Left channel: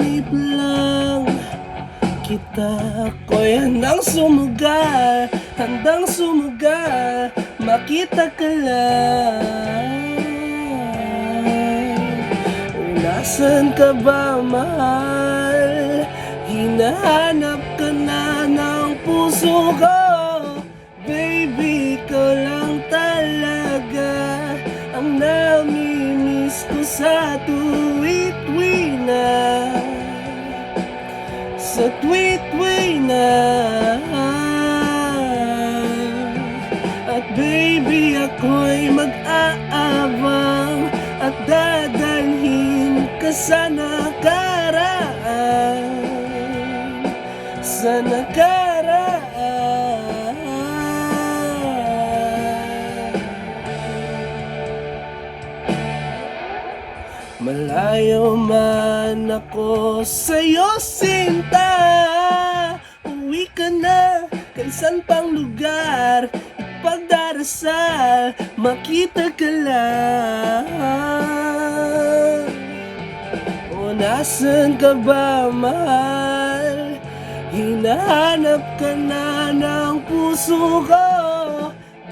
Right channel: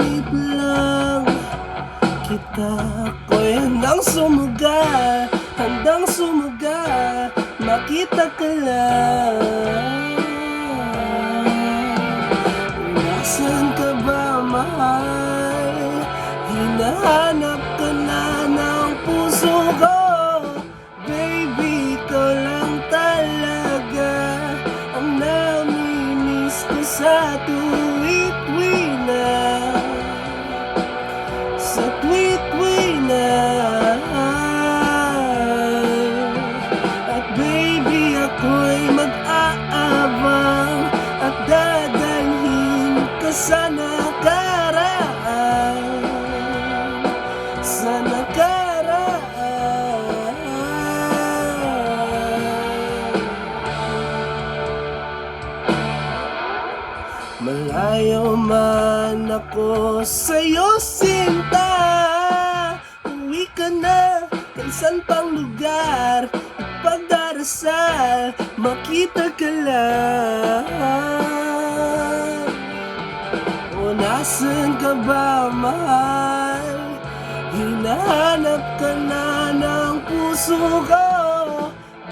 panaginip lang kita. Ako'y handang sumuga, makita ka lang. Nasaan ka ba, mahal? Hinahanap ka na ng puso ko. Baby, ikaw lang talaga ang namimiss ko sa tuwit-tuwi na, sa tuwit-tuwi na. At baby, ako'y mag-aabang at dadalhin ka sa nakaraan, sa nakaraan. Malayo man ako sa'yo, sinta, uwi ka na, kaisan pang lugar pagdarasal, makita ka lang. O nasan ka ba, mahal? Hinahanap ka na ng puso ko.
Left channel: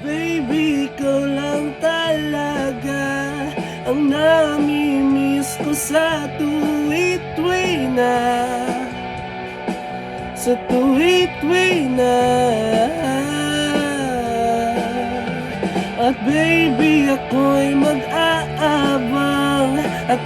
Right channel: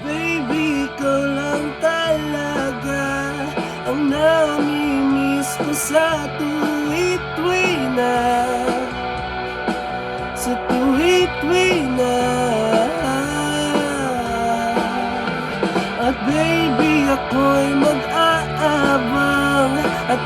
Baby, ikaw lang talaga ang namimiss ko sa tuwit-tuwi na, sa tuwit-tuwi na. At baby, ako'y mag-aabang at